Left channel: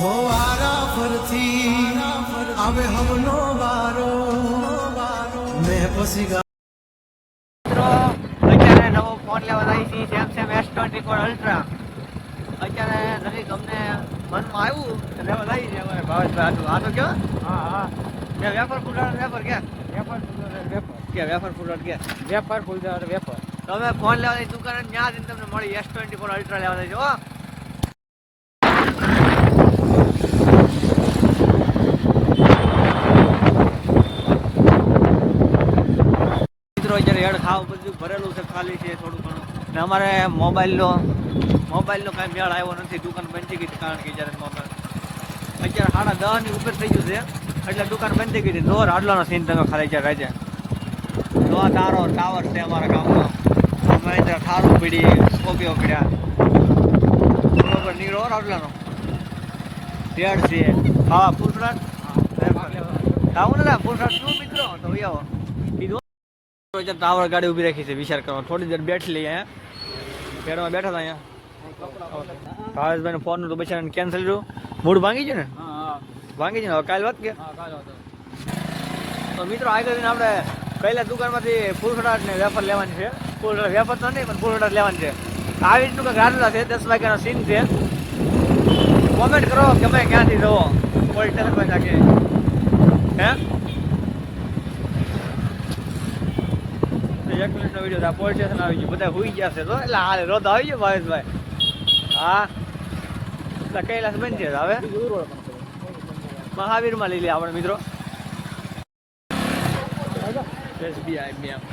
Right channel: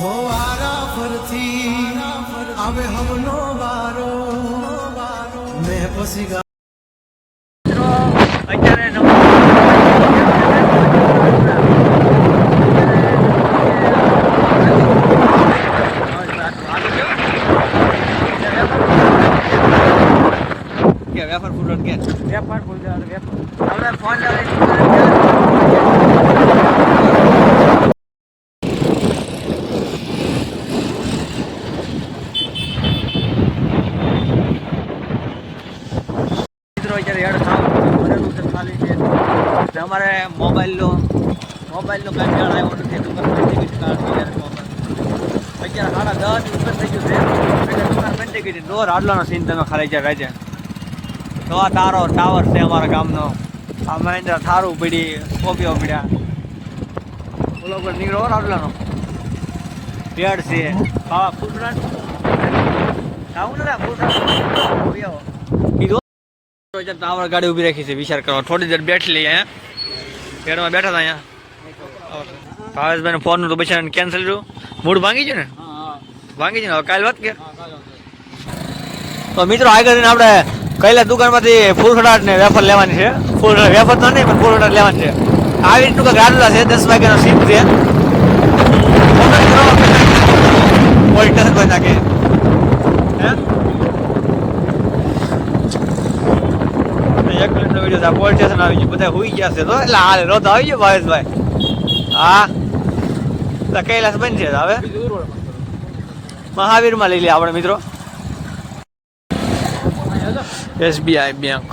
હો વારા ફરતી આવે હમનો વારો મેં પછી મિત્રો અત્યારે નવો વેફર ફૂલ કે વેફર ફૂલ વેફર હવે ફોન અત્યારે હેડ ખાવ ભરેલું છે ખાલી છે ને અમારે મોબાઈલનો કાંઈ મેળ આવ્યો નથી દુકાનમાં ટિકિટ કાઢી જ્યારે મોબાઈલ અત્યારે 10:30 ઉપર થઈ ગયું છે એટલે દુકાન બંધ થઈ ગઈ ડોર આટલાનો સીન તમે ખાલી જ્યાં રાજે તો આ ટાવર છે અમારા ગામનો અમે ત્યાં ઠારું પીડી કોપીઓ પીડ્યા ઓલો પર નીકળો આટલાનો હેડ છે હા ફૂલરાજ આવું ને ફૂલરાજ કીધું ટાવર ગાડી ઉભી રાખી છે વિચાર કરવા થોડી દેર બેઠી લઈએ અહીંયા પેડમાં બેઠા હતા અહીંયા ભાવેશભાઈ ફોન તો બચારાને કેન્સલ રહ્યું મૂડ ભાંગી ગયું ને ભાંગી ગયું કાલે વાત કે તો મિત્રો આગળ આપણે કઈલા દુકાનમાંથી ફૂલસડાટ ને વેફર લેવાની છે ફૂલસડા વેફર તો નહીં પણ ફૂલસડાટ લેવાની છે આવી રીતનું કંઈક રાતલા છે 10 વાગ્યાનો સીપ છે પોલીસ સ્ટેશન કોઈ નાખે હે 1 મિનિટનો વિડીયો પોલીસ સ્ટેશન આવી ગયું બધા હુઈ ગયા છે તો એટલે હાલ રોજ આવી ગયો ભાવેશભાઈ હા તો કૈલાસ બનશે હવે મહાવીરમાં લઈ લે આપણે મિત્રો SBI બેંક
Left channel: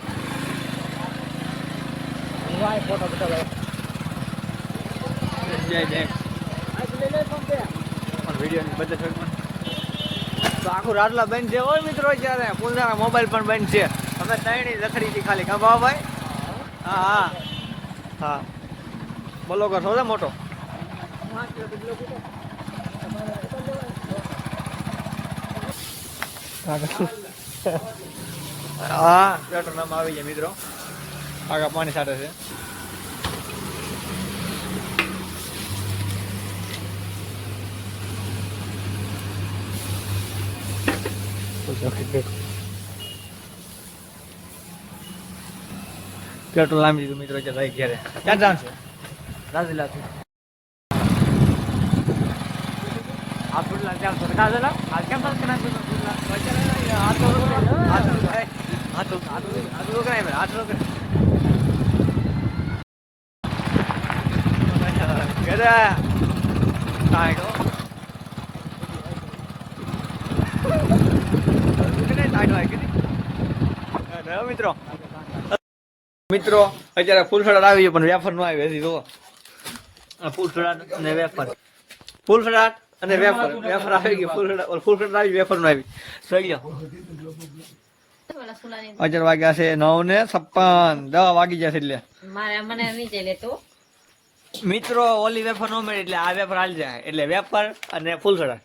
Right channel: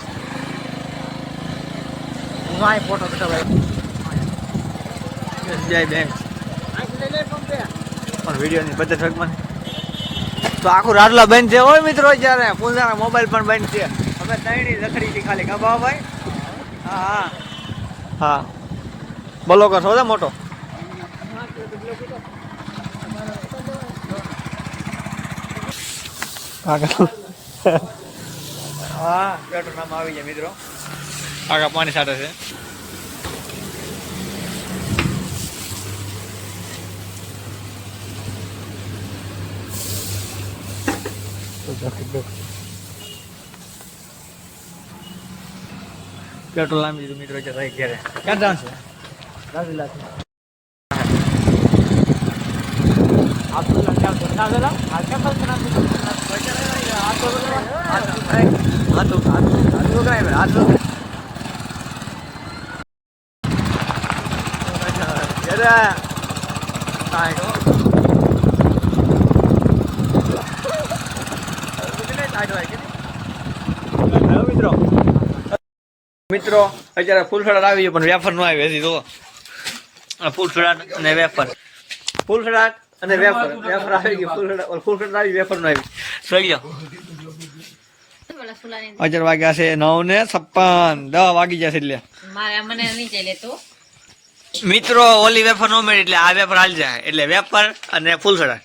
SBI બેંક પણ વિડીયોની બચત મને તો આખું રાજલા બંધ છે હોય મિત્રો જ્યારે પોતાના મોબાઈલ પણ બંધ છે અમે ત્રણેય રખડી હતી ખાલી કા ભાઈ હા હા બોલો કરશો છે મોટો હા પેટ્રોલ નામ આવી જાય મિત્રો આગળ પાણી છાંટે છે પેટ્રોલ નામી દીધું મિત્રો ભાઈ ઘેરે ક્યાં જાણ છે રાજલા છે આપુલા ચાલ તો રાજલા આ કેમ ફક્ત ના તો આ તો કરાય આ તો ઘેરે તાઈડો મિત્રો અત્યારે ફૂલસડાટ આવી પણ વેફર નો આવી હજી તો ફૂલસડાટ અને વેફર ફૂલસડાટ અને વેફર આવી ગઈ ફૂલસડાટ આવી વેફર નો આવી થઈ ગયો અત્યારે વાગ્યા છે 9:56 10 વાગી જશે એટલે મિત્રો ઓલી વેફર નો મળે એટલે આ વેફર હાલ જાય એટલે વેફર અને ફૂલસડાટ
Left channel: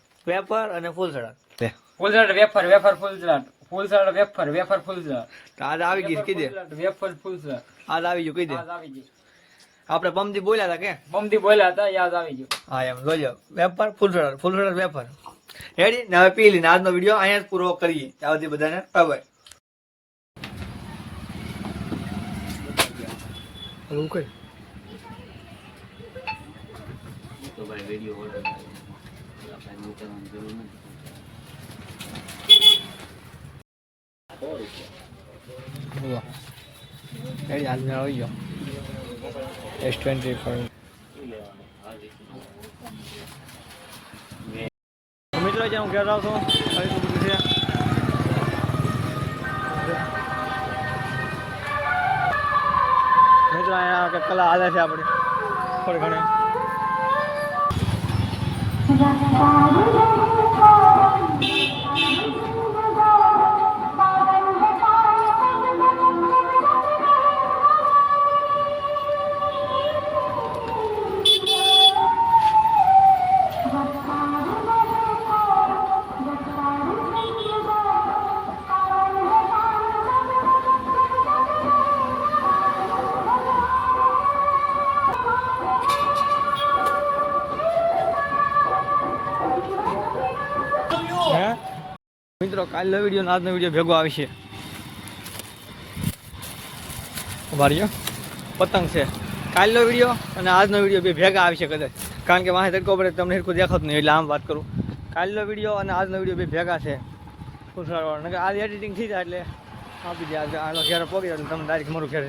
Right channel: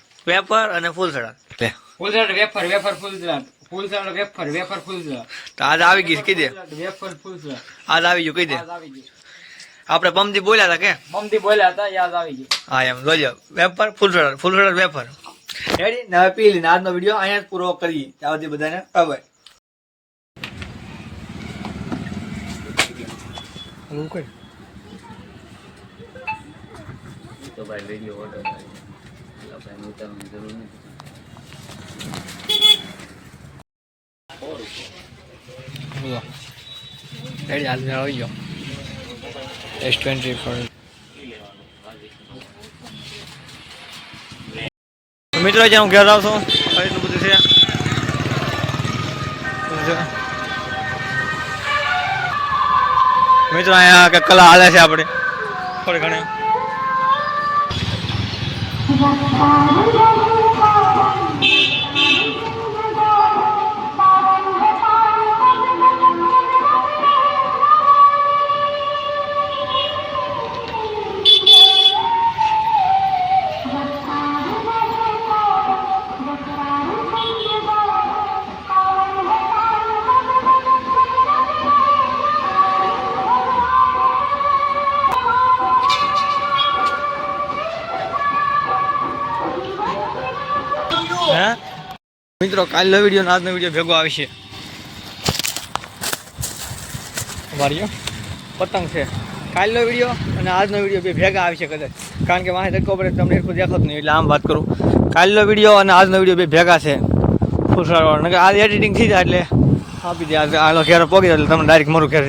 ફૂલસડાટ વેફર ફૂલસડાટ ફૂલસડાટ વેફર ફૂલસડાટ તો આજ આવી ગઈ કહી દે વેફર ફૂલસડાટ આજ આવી ગયું કહી દે આપણે પમદી બોલ્યા હતા યાદ આવી ગયું હા એમ જોજો વેફર ફૂલસડાટ વેફર રેડી ને હવે પી લઈને આજનો વિડીયો અહીંયા જ પૂરો કરીએ ત્યાં સુધી બધાને બાય તો ભાઈ વિડીયો ઓર્ડર આપણે ઉતારવાની જરૂર નથી રેડી હાલ આવી ગયો S20 પર મિત્રો જ્યાં હું ઘેર આવું છું એટલું બધું છે મિત્રો અહીંયા કલા હાલે છે આપણે થોડી ઘણી મિત્રો કાલનો વિડીયો ને આજનો વિડીયો ભેગો આવશે. વાળીઓ પતંગ છે કાલનો વિડીયો અને આજનો વિડીયો બે ભેગા આવશે કદાચ, કારણ કે માહિતી તડકો પડે તમને એટલું દેખાતું નહીં એટલે આમ વાત કરું. કાલનો વિડીયો અને આજનો વિડીયો બે ભેગા છે ફૂસવાળો, કે આજ એડિટિંગ થઈ જાય એટલે આપી દે. આનો ઘેરો પોગી જાય એટલે તમને ડાયરેક્ટ મારું ઘેર.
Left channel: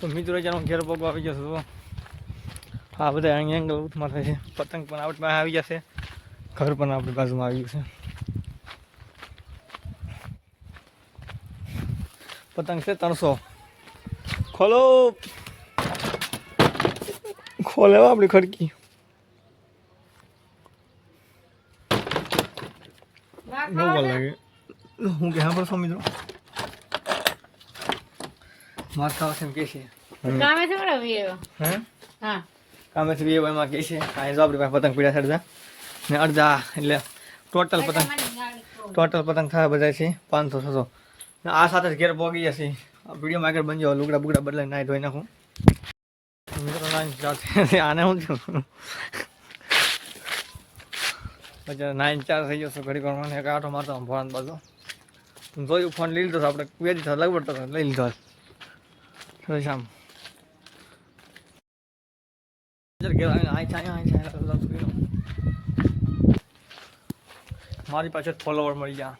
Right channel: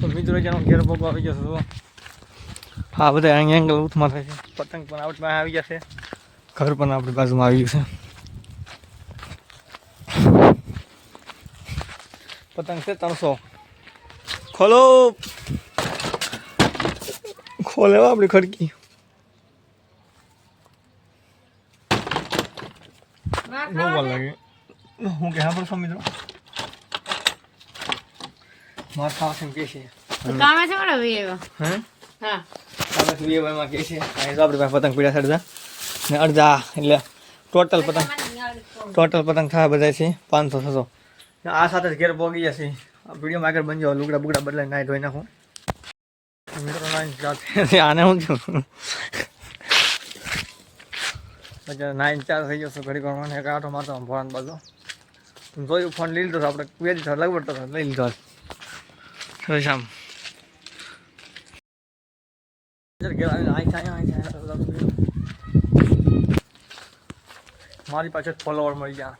તો મિત્રો જેનો ઘેર પોગવા આવી જશે તો હા બધા અહીં એંગલ ઉથમાં થાય છે. પતંગ પણ આપણી પાસે આવી જશે, ઘર પણ આપણી બાજુમાં આવી ગયું છે. પતંગ છે 300. ખોલો ખોલે આપણી ખડકી. બહુ વાર લાગે. હું કે સાંભળશો મિત્રો માર ખાવા છે કે છે કામે છે બરો વીવો. હે હા કામે છે વીવો માં કે છે. અહીં તો આપણી પાસે પતંગ પીડા સડતા ને અડધા એટલે ટોટલ પતંગ થાય બધા છે 500-600. આ સાથે જ ઘેર પોગી જશે. વિડીયોમાં આગળ બનજો. લુગડા બુગડા બદલાઈને નાઈ ધોઈ નાખું મિત્રો. આને હું છું પછી 9-4 થઈ જશે. ઘડી કરવાનો એક આટો મારતો ફોન બાજુ જોયું ફોન લઈ લીધો આપણે બે દિવસ લગવડ તો લઈ લીધો શામ. મારી પાસે ફોલોવર મળી ગયા.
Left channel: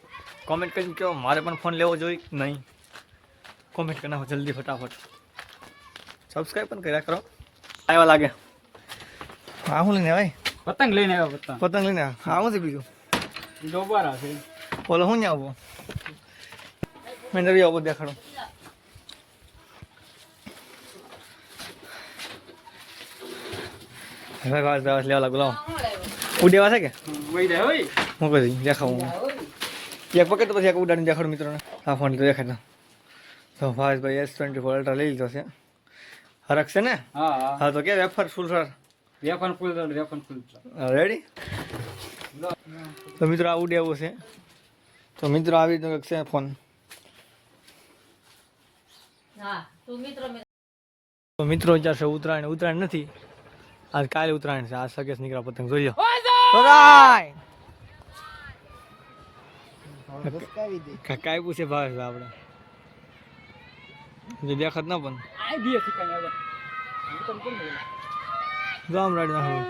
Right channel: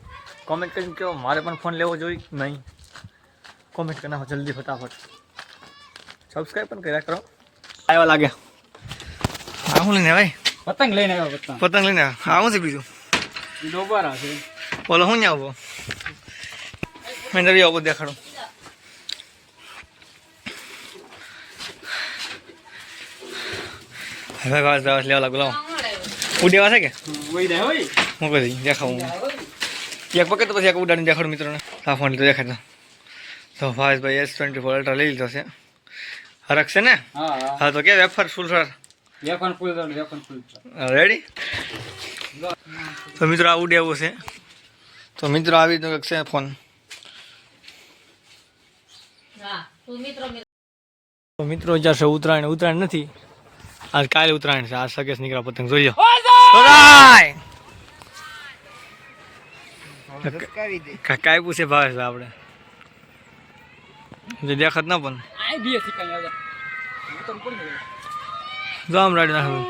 કોમેન્ટ કરીને કહો મારે પણ ફોન લેવો જોઈએ નહીં. કોમેન્ટ કરી નાખો જલ્દી ફટાફટ. સબસ્ક્રાઈબ પણ કર્યા કરો. આવ્યો લાગે હા હું લઈને ભાઈ પતંગ લઈને આવ્યો. પતંગ લઈને હા હું છે બીજું ડોબારા છે. બોલો હું આવો મેં નવી આવો દેખાડો. હવે વાસ દવા લેવા લાગુ લાવો ઉડેવા છે કે વઈ જાય હોય હું કહી દેખાવું એક વખત તો પછી એક ઉડાડીને દેખાડું મિત્રોને. આ ફોન તો દેખાડતો તો ભાઈ S24 અલ્ટ્રા લઈ લીધો છે. હરખ છે ને? હા હા તો કે વેફર ફૂલ સર વેફર ફૂલ રેડી. તો મિત્રો આ ઉડે એવું છે. તો મિત્રો આવી રીતનો છે ફોન. હા તું મિત્રો તો મિત્રો જશે ઉત્તરાયણ નથી આજ કાલે ઉત્તરાયણ છે. આજ સગેસ નીકળ્યા પતંગ જોઈ લો. કાંઈ પૂછે ભાવે છે આપણે જે દેખાત ના પણ આ બે સિકાઈ આવ્યા. હું તો પડી ગયો. જો આમ રાડી નાખું.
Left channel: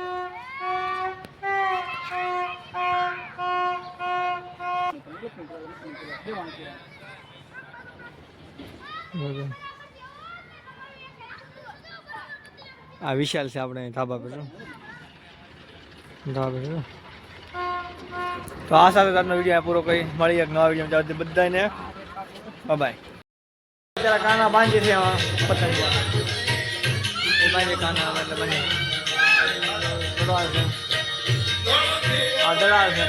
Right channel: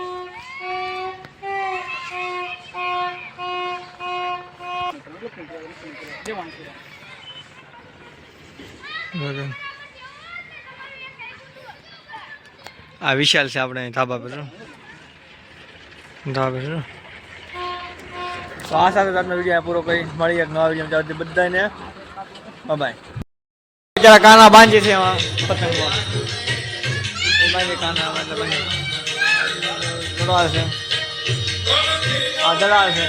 આ વિશાલ છે આપણે ધાબા પર તો આ સાથે આજનો વિડીયો પૂરો કરી મળી એક નવા વિડીયો બધાને બાય. અત્યારે કાના બાંધી છે એમાં પતંગ એ બાંધી કાના એટલે બાંધી દડાળ છે આ દડાળ છે.